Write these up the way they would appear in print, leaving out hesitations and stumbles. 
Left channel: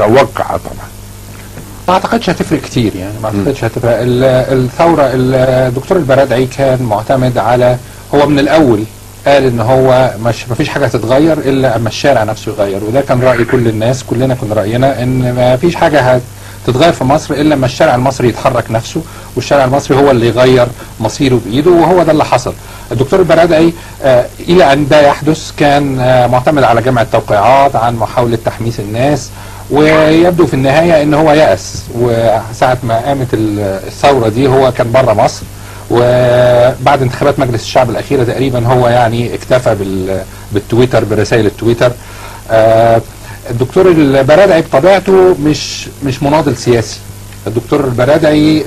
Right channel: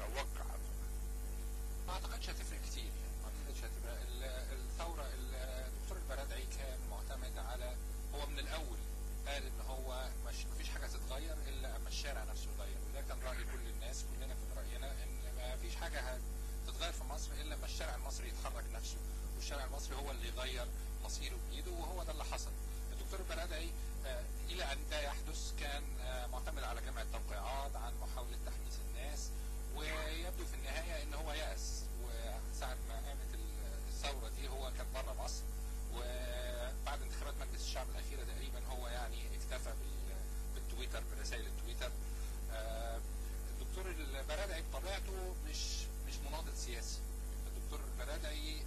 متوقعة طبعا. ما اعتقدش هتفرق كتير يعني، ما اعتقدش هتفرق. الثوره الدكتور البرادعي كان معتمد على، هو من الاول قال ان هو ما فيش حاجه هتتغير الا اما الشارع نفسه يغير، وده كان راي كل الناس، كلنا كنا راينا ان ما فيش حاجه هتتغير في مصر الا لما الشارع المصري يتحرك نفسه، والشارع المصري هو اللي يغير مصيره بايده، وهو ده اللي حصل. الدكتور البرادعي الى ان ده يحدث كان معتمد على جمع التوقيعات عن محاوله تحميس الناس، ويبدو في النهايه ان هو يأس. وساعه ما قامت الثوره دي هو كان بره مصر، وبعد انتخابات مجلس الشعب الاخيره تقريبا هو يعني اكتفى بالتويتر، برسائل التويتر. الدكتور البرادعي بطبيعته مش مناضل سياسي. الدكتور البرادعي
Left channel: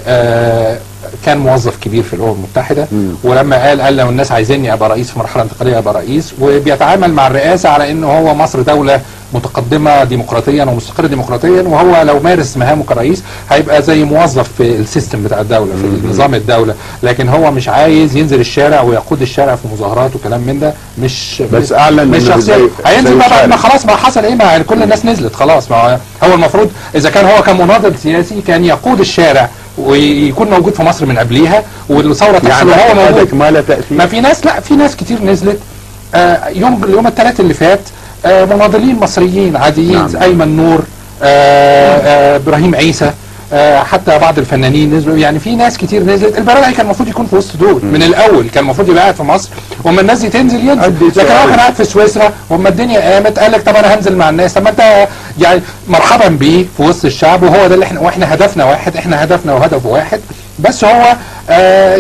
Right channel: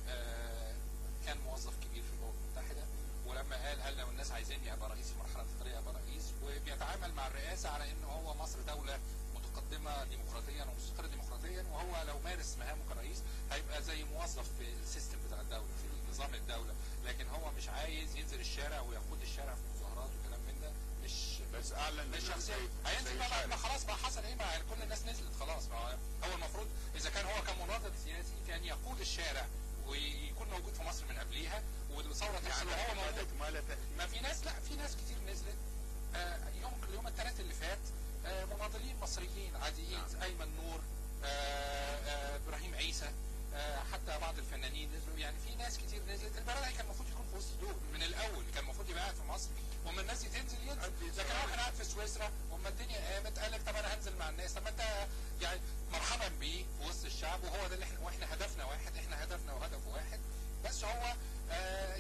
كان موظف كبير في الامم المتحده، ولما قال لو الناس عايزيني ابقى رئيس في مرحله انتقاليه ابقى رئيس، وبيتعامل مع الرئاسه على انه هو مصر دوله متقدمه ديمقراطيا ومستقره ديمقراطيا، وهو لو مارس مهامه كرئيس هيبقى زي موظف في السيستم بتاع الدوله، في نظام الدوله، لكن هو مش عايز ينزل الشارع ويقود الشارع في مظاهرات وكلام من ده. بس اعلن مش شخصيه هينزل بقى بعد ما خلاص ما حصل ايه، ما كل الناس نزلت خلاص. ما هو المفروض اذا كان هو كان مناضل سياسي كان يقود الشارع ويكون موجود في مصر من قبليها، والثوره تحصل وهو موجود. ما له تاثير. ما في ناس، لا في ناس كتير نزلت يوم الثلاث اللي فات، مناضلين مصريين عاديين. نعم. ايمن نور، ابراهيم عيسى، حتى بعض الفنانين نزلوا. يعني في ناس كتير نزلت. البرادعي كان المفروض يكون في وسط دول من الاول، كان المفروض يبقى قاعد في مصر واما الناس دي تنزل ينزل، لكن هو كان قاعد في سويسرا واما الدنيا قامت قال لك طب انا هنزل مع الناس. طب ما انت يعني مرحبا بيه في وسط الشعب، وهو ده اللي احنا هدفنا واحد، احنا هدفنا وهدفه واحد. بس هو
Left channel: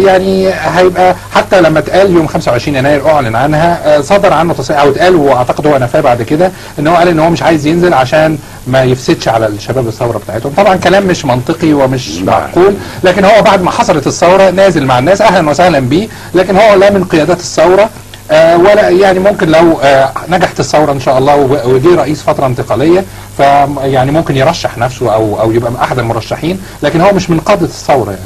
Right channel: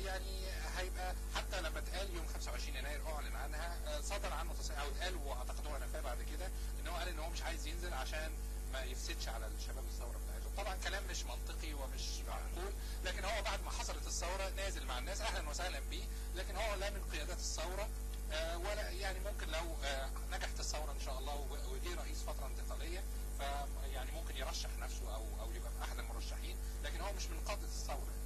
يعني هيبقى حتى لما اتقال يوم 25 يناير اعلن عنها، صدر عنه تصريح او اتقال، واعتقد هو نفاه بعد كده، ان هو قال ان هو مش عايز ينزل عشان ما يفسدش على الشباب الثوره بتاعتهم. طبعا كلام مش منطقي ومش معقول، لكن هو بعد ما حصلت الثوره نازل مع الناس، اهلا وسهلا بيه، لكن هو لا من قيادات الثوره ولا يعني ممكن لو نجحت الثوره ان شاء الله وجه رئيس فتره انتقاليه فيعني ممكن يرشح نفسه او يبقى احد المرشحين، لكن هو مش من قاده الثوره يعني.